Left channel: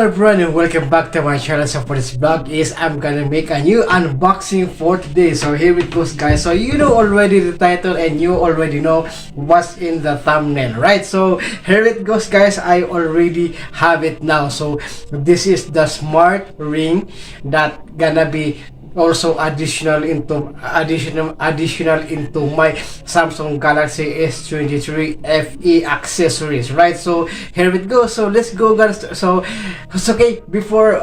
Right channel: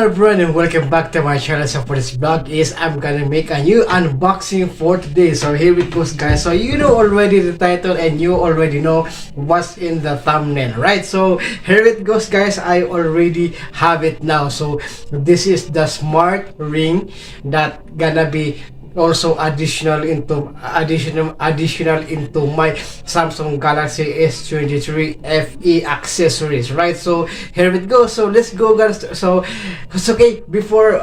Hello everyone and welcome back to my channel. So for this vlog is I'm gonna make a new unboxing for today. So here it goes, guys. So you know already the title and you already know what's in the thumbnail, right? So here it goes, guys. I already have it now. So this is the smart ring that gonna be also additional into my Samsung Galaxy S23 FE accessories, right? So here it goes. So let's go, guys. So it's okay before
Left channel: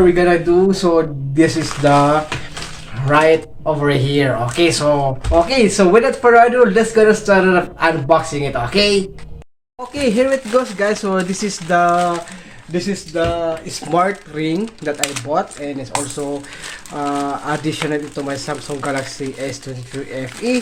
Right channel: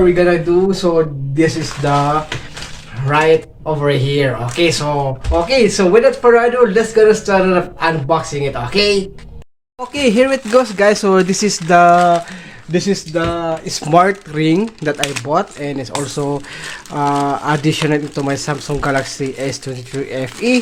we gonna do so, this is the right over here. So without further ado, let's gonna start unboxing it. Okay, here it goes, guys. So this is the smart ring that I bought, and it's also additional into my Samsung Galaxy S23 FE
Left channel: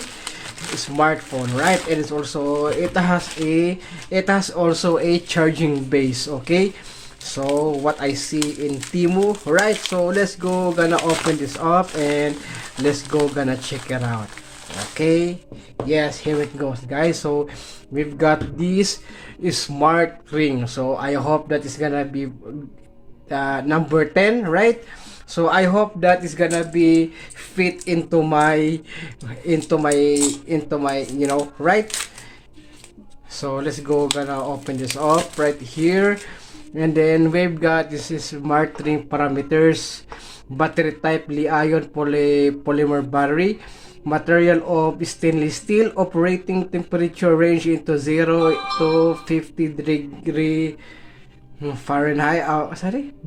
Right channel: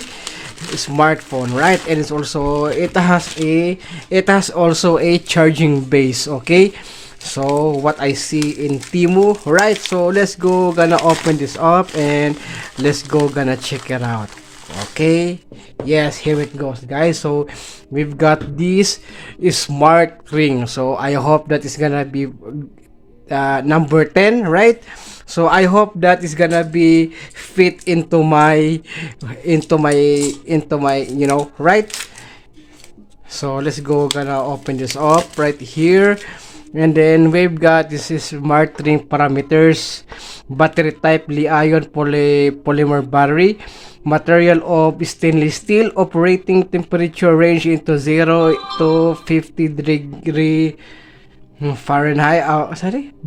smartphone, right? And it's also it has also a charging base. Okay, so what I see in Temu, right? So let's go gonna open this up and let's go gonna check it out. Okay, yes, here it goes, guys. So we've got this smart ring, so I hope that it's gonna be number 10, right? So I hope that is gonna be fit into my right? So let's go gonna open this up right here. And then we've got this is smart ring parameters, battery type Li-ion polymer battery, material of stainless steel, operating temperature range into 0 to 50 degree Fahrenheit,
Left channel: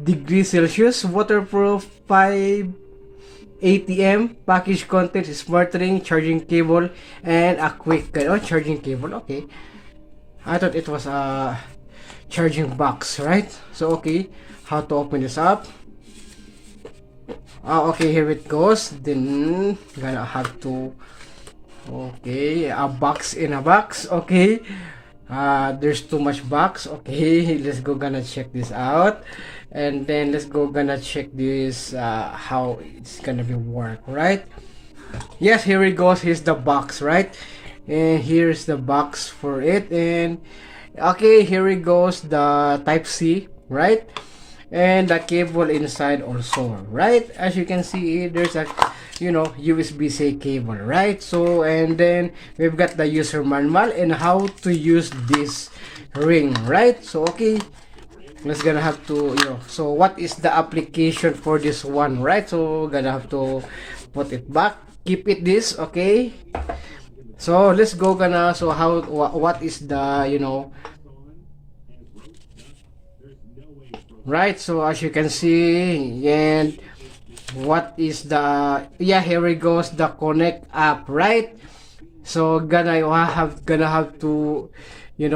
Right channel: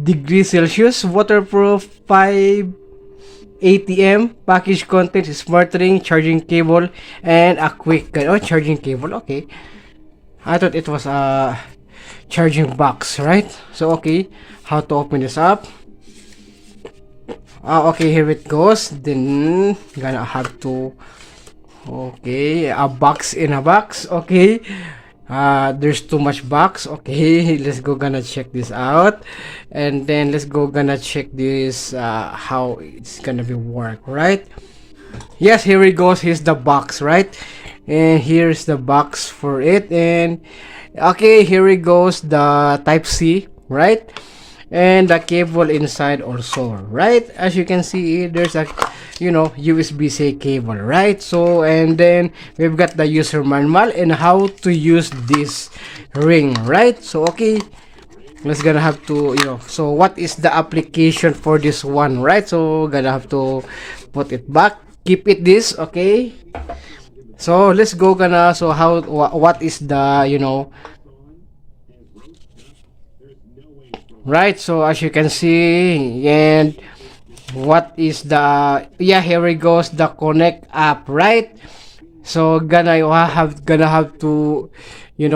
degree Celsius, waterproof, 5 ATM, package content, smart ring, charging cable, and a quick charging cable. Okay, I thought it was a charging box, right? So okay, how to open this up? Okay, here it goes. Then gonna have to, okay, a box in a box. Okay, there's too much box. Okay, let's go gonna check this out, and then let's go gonna check this how it's gonna be work, right? Yes, here it goes. Here's the box, right? And here's the box for it. And okay, here it goes, the type C, right? And the cable inside also, right? As you can see, there's a USB-C cable, right? So and then we've got the user manual and how to use this ring, right? So okay, let's gonna have to so what is the application for this one, right? So gonna have to put it back, keep it this. Okay, so let's go gonna, so how what is the right? So as you can see, and what is the, yeah, here it goes, the connect app, right? So gonna have to the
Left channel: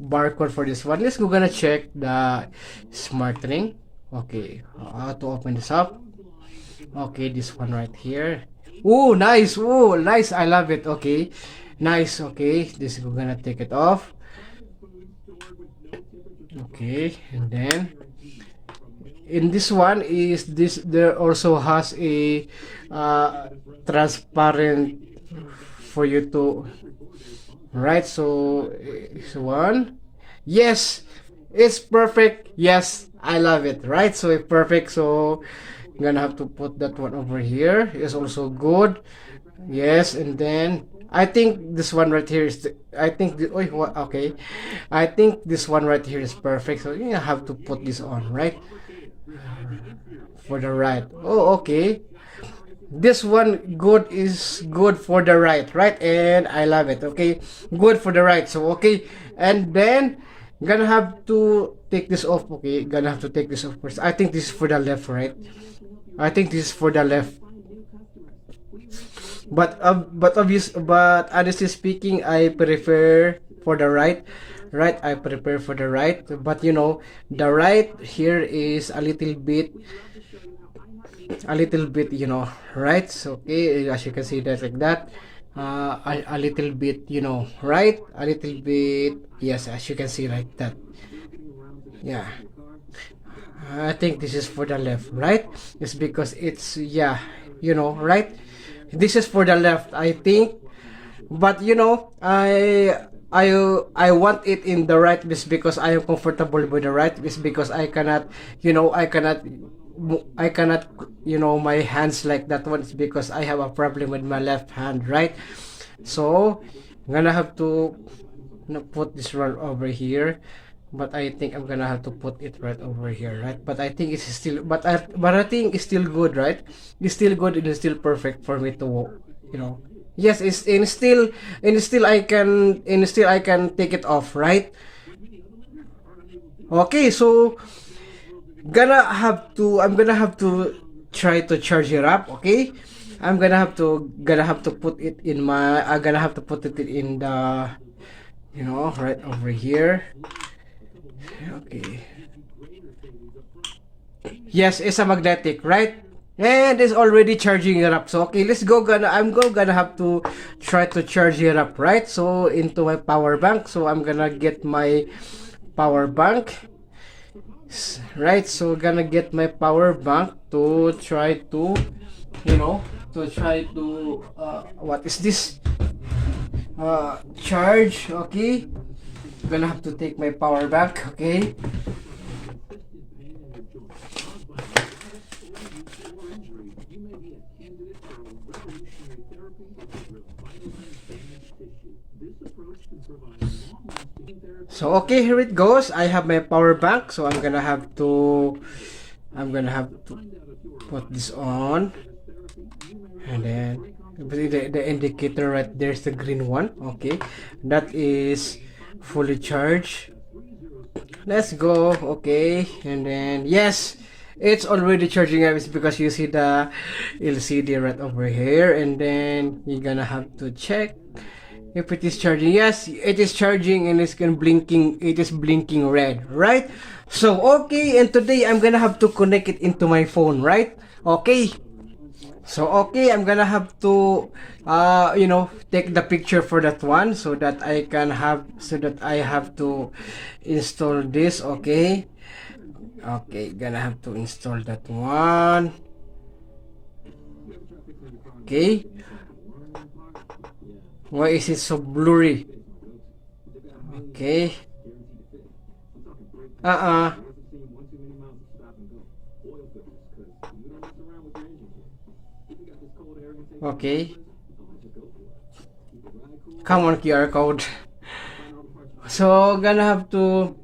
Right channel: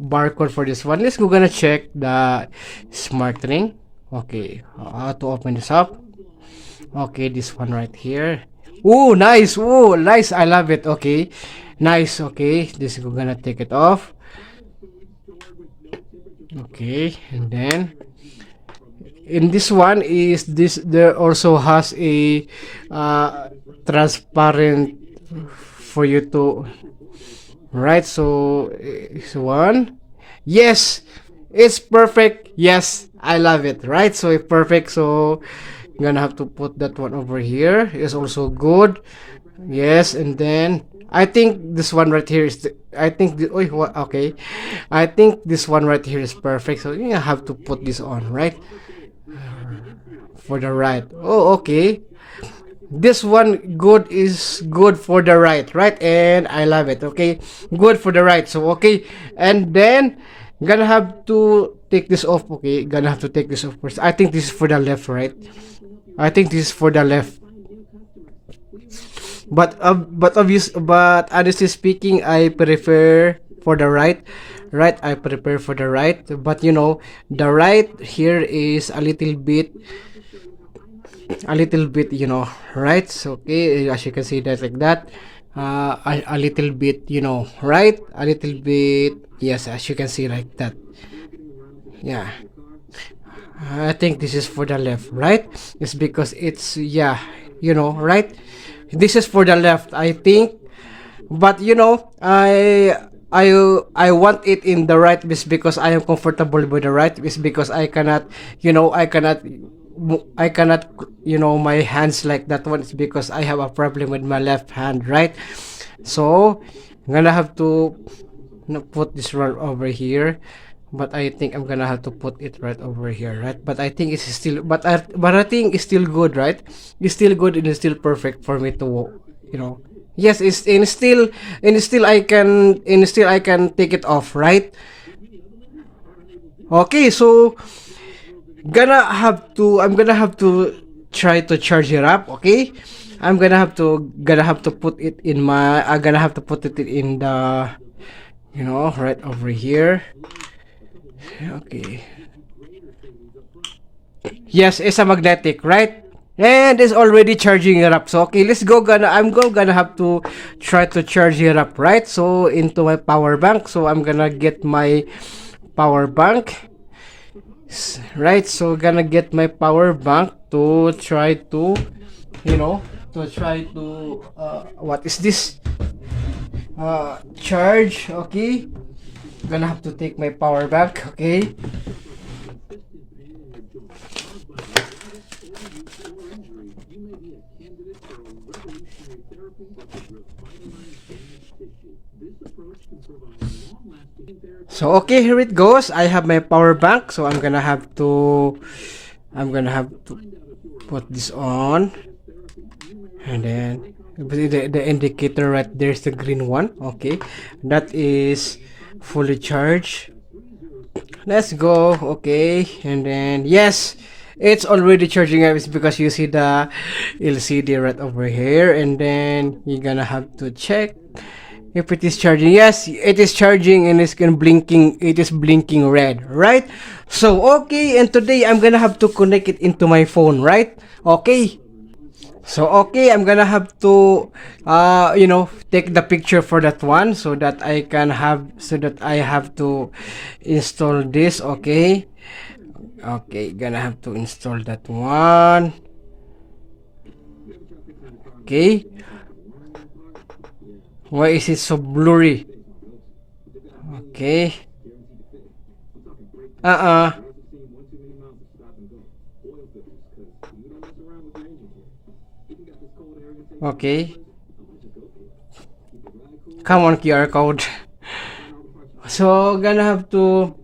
barcode for this one. Let's go gonna check the smart ring. Okay, how to open this up? Okay, this one right here. Oh, nice. Oh, nice. I love it. Okay, nice. Okay, this is gonna take it off. Okay, and then in this one is this, there also has a transparent for you to, right? So this one, yes, it's perfect. Yes, I love it, right? So it's perfect. So I'm gonna have to put that one over here. It's also good. Yes, and then I think this one right here is I think okay, I think this one right here is perfect. So you have to put this on, right? For the right. Oh, okay. This one is good for the right, right? And I love it. Okay, good for the right. So okay, and then gonna have to take this off. Okay, gonna have to take this off first. I think this is for the left, right? I think this is for the left. But honestly speaking, I prefer for the right. Right, I prefer for the right. But the right here is a little bit, right? So okay, as you can see that like that, a little bit, right? A little bit, yes, as you can see like that. Yeah, I think this is for the left, right? It's because it's, yeah, right? This is for the left, I think. But I I want it in the right wrist because I am comfortable with the right wrist because I cannot, I cannot, my hands like that one. It's because I have a problem with my left hand, right? So I'm gonna have to, put this right over here, but I think I'm gonna have to put it right over here, right? But I think it's still, but I think it's still good, right? It's still good and it's still perfect for me to, yes, it's and still I can take it off, right? Okay, so I'm gonna have to try to charge it up, okay? I'm gonna have to put it in my I'm gonna have to put it in the, right over here. Okay. Yes, it's a magnetic, right? And it's already charging it up. So okay, let's go. Gonna have to try to charge it up, right? So into my power bank. So I'm gonna get my power bank, right? So gonna get my power bank to try to, you know, what is this? Charge. Okay, gonna have to take my power bank. Okay. So okay, here it goes. I have my power bank, so I'm gonna have to put this on, and then the indicator right there is the green one. Okay, that is fully charged. Let's go. Okay, and then yes, it's already charging up. It's because you see the LCD right over here, and then you're gonna have to check if it is charging. Yes, it is charging and it's gonna blinking. It is blinking red, right? So okay, and today I'm gonna have to connect it into my phone, right? Okay. So okay, I'm gonna have to, take the picture for that one so that I have to install this. Okay. Okay, gonna have to install that one. Okay. Why is it so blurry? Okay. Uh-uh. Okay. Come on, QR code. So, gonna have to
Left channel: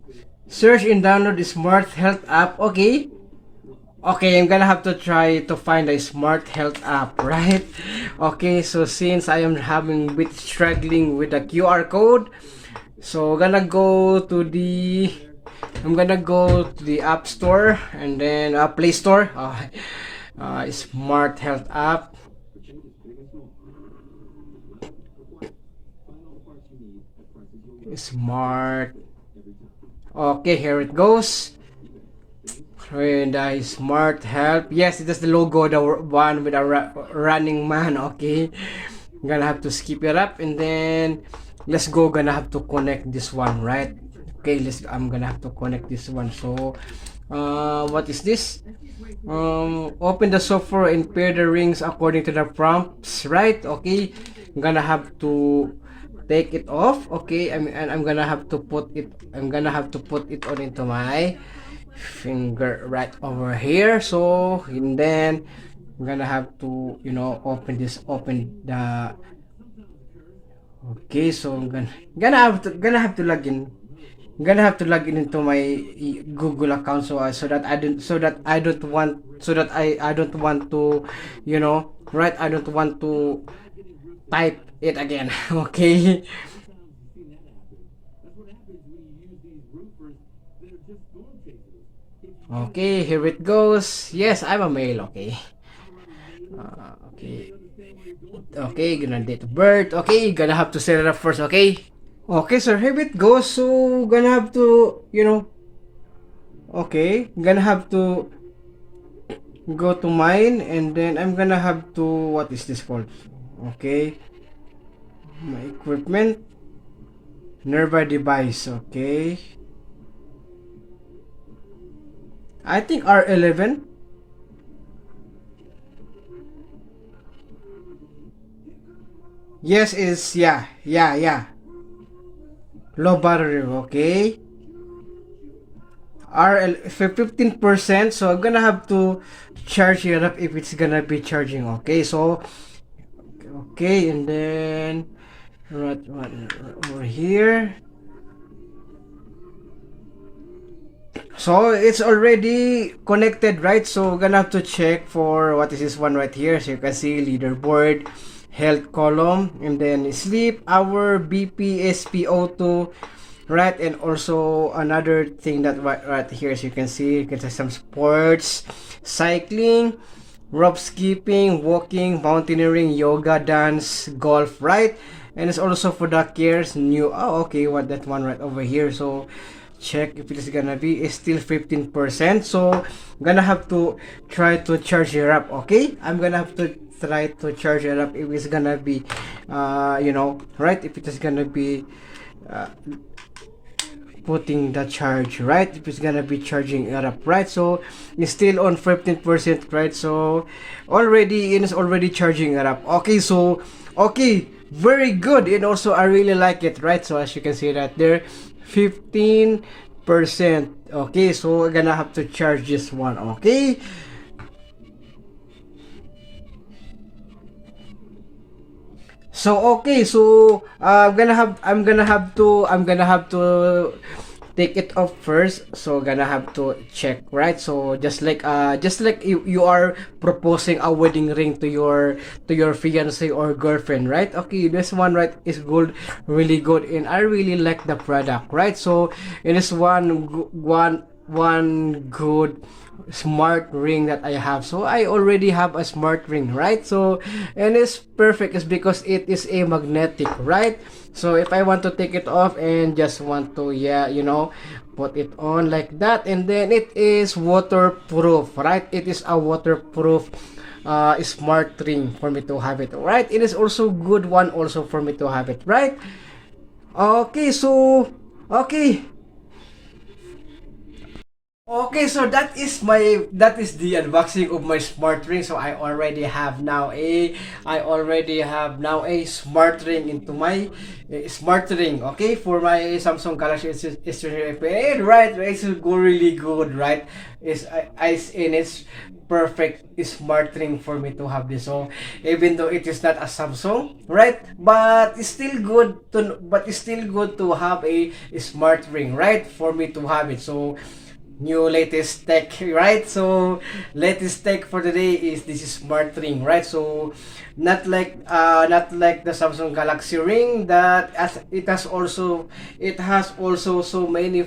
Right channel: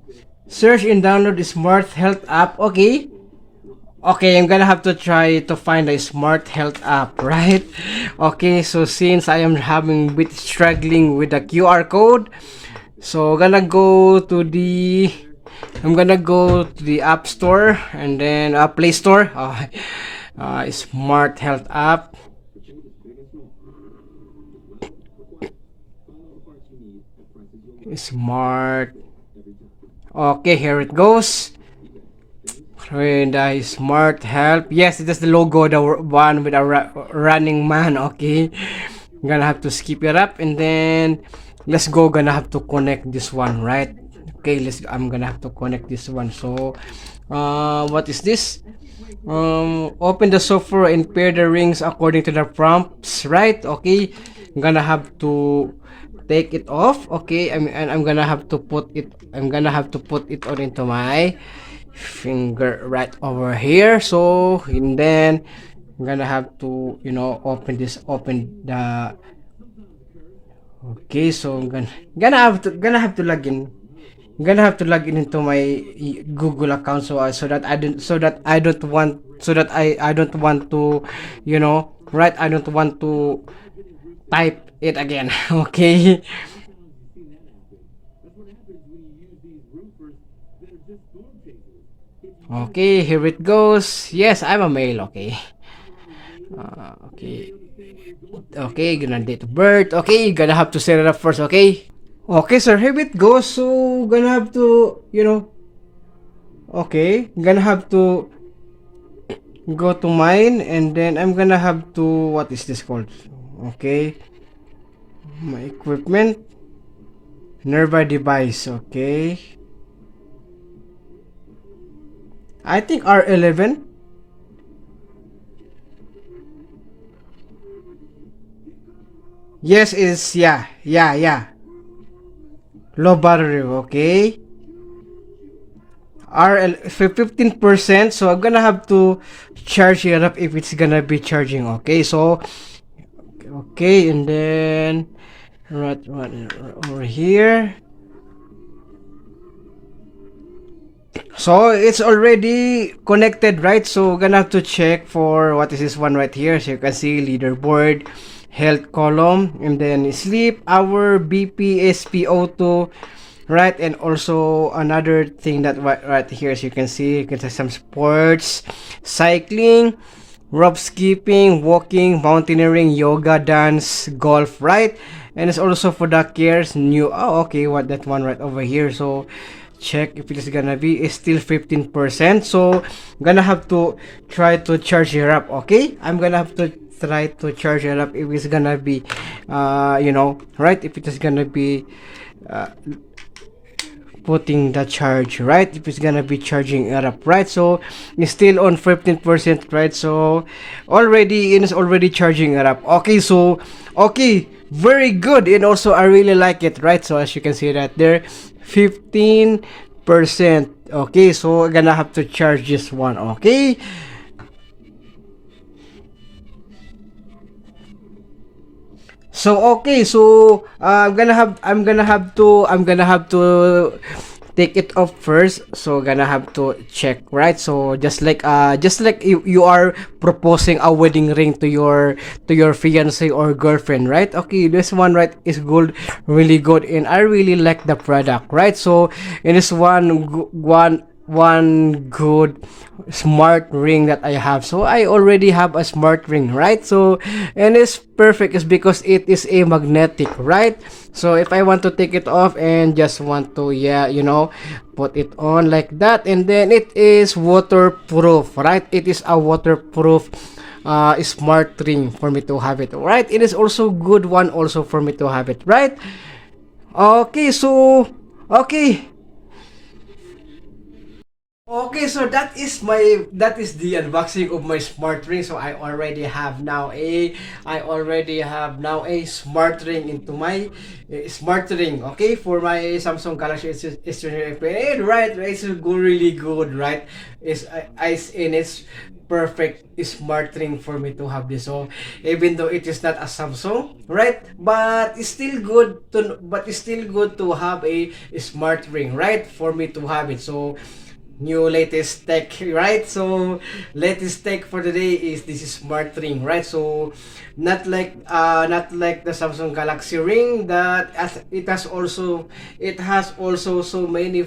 search and download the Smart Health app. Okay. Okay, I'm gonna have to try to find a Smart Health app, right? Okay, so since I am having a bit struggling with the QR code, so I'm gonna go to the App Store and then Play Store. Smart Health app. Smart. Okay, here it goes. And Smart Help. Yes, it is the logo, the one with a running man. Okay, I'm gonna have to skip it up and then let's go. Gonna have to connect this one, right? Okay, I'm gonna have to connect this one. So, what is this? Open the software and pair the rings according to the prompts, right? Okay, I'm gonna have to take it off. Okay, and I'm gonna have to put it. I'm gonna have to put it on into my finger right over here. So and then I'm gonna have to, open the. Okay, so I'm gonna have to log in. I'm gonna have to log in into my Google account, so that I don't want to, right, I don't want to type it again. Okay. Okay, here it goes. Yes, I'm a male. Okay. Okay. Okay, gonna date of birth. Okay, gonna have to set it up first. Okay. Okay, sir. Here it goes. So gonna have to, Okay, gonna have to go to mine, and then I'm gonna have to, what is this called? Okay, my equipment, nearby device. Okay, I think R11. Yes, it is. Yeah, yeah, yeah. Low battery, okay. RL 15%, so I'm gonna have to charge it up if it's gonna be charging. Okay, so okay, and then right over here. So it's already connected, right? So we're gonna have to check for what is this one right here. So you can see leaderboard, health column, and then sleep, hour, BP, SpO2, right? And also another thing that right here, as you can see, you can see some sports, cycling, rope skipping, walking, mountaineering, yoga, dance, golf, right? And it's also for the cares new. Oh, okay, what that one right over here. So check if it is gonna be, it's still 15%. So I'm gonna have to try to charge it up. Okay, I'm gonna have to try to charge it up if it's gonna be right, if it is gonna be uh, putting the charge, right, if it's gonna be charging it up, right? So it's still on 15%, right? So already it is already charging it up. Okay, so okay, very good. And also I really like it, right? So as you can see that there, 15%. Okay, so I'm gonna have to charge this one. Okay, so okay, so I'm gonna have to take it off first. So gonna have to check, right? So just like you are proposing a wedding ring to your fiance or girlfriend, right? Okay, this one right is good, really good, and I really like the product, right? So it is one good smart ring that I have. So I already have a smart ring, right? So and it's perfect is because it is a magnetic, right? So if I want to take it off and just want to, yeah, put it on like that, and then it is waterproof, right? It is a waterproof smart ring for me to have it, right? It is also good one also for me to have it, right? Okay, so okay. Okay, so that is the unboxing of my smart ring. So I already have now a smart ring into my smart ring. Okay, for my Samsung Galaxy S23 right, it's really good, right? It's perfect smart ring for me to have this. So even though it is not a Samsung, right? But it's still good to have a smart ring, right? For me to have it. So new latest tech, right? So latest tech for today is this smart ring, right? So not like the Samsung Galaxy ring that it has also so many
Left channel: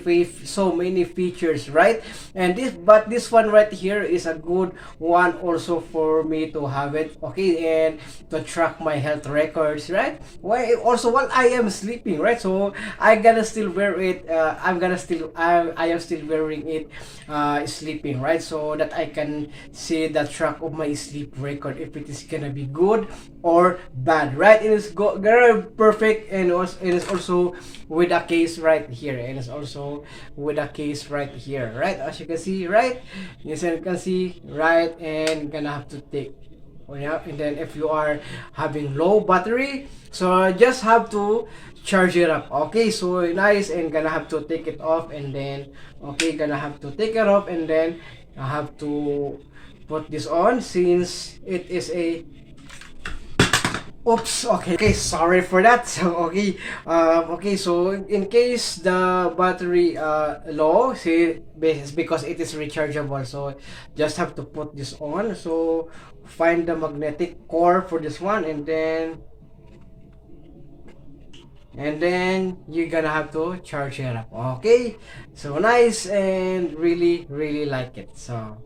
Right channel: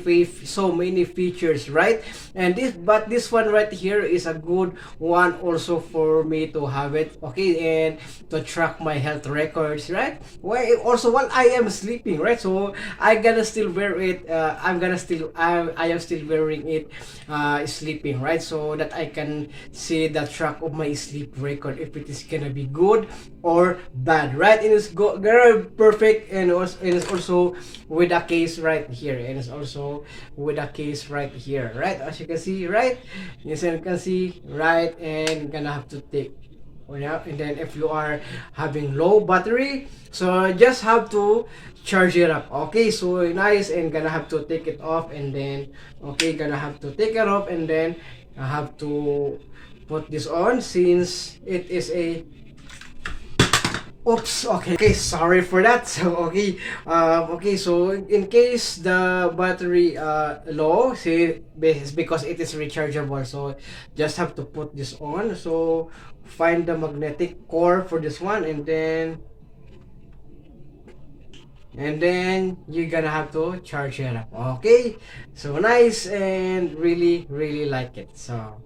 features, right? And this one right here is a good one also for me to have it, okay, and to track my health records, right? Why also while I am sleeping, right? So I gonna still wear it. I am still wearing it sleeping, right? So that I can see the track of my sleep record if it is gonna be good or bad, right? It is very perfect, and also it is also with a case right here, and it's also with a case right here, right? As you can see, right? Yes, you can see, right? And gonna have to take. Oh, yeah, and then if you are having low battery, so just have to charge it up. Okay, so nice, and gonna have to take it off, and then okay, gonna have to take it off, and then I have to put this on since it is a oops, okay, okay, sorry for that. So okay, okay, so in case the battery low, see, it's because it is rechargeable, so just have to put this on. So find the magnetic core for this one, and then you're gonna have to charge it up. Okay, so nice, and really like it. So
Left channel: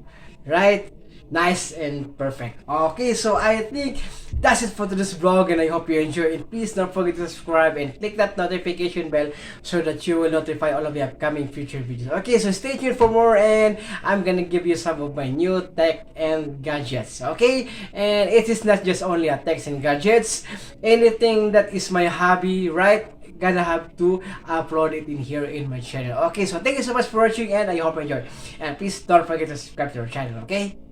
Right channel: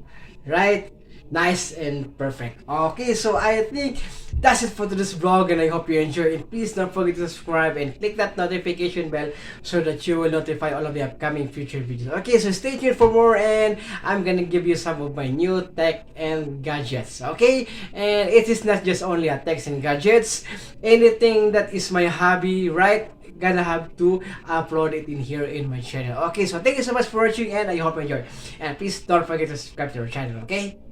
right, nice and perfect. Okay, so I think that's it for today's vlog, and I hope you enjoy it. Please don't forget to subscribe and click that notification bell so that you will notify all of the upcoming future videos. Okay, so stay tuned for more, and I'm gonna give you some of my new tech and gadgets. Okay, and it is not just only a tech and gadgets, anything that is my hobby, right? Gonna have to upload it in here in my channel. Okay, so thank you so much for watching, and I hope you enjoyed, and please don't forget to subscribe to our channel. Okay.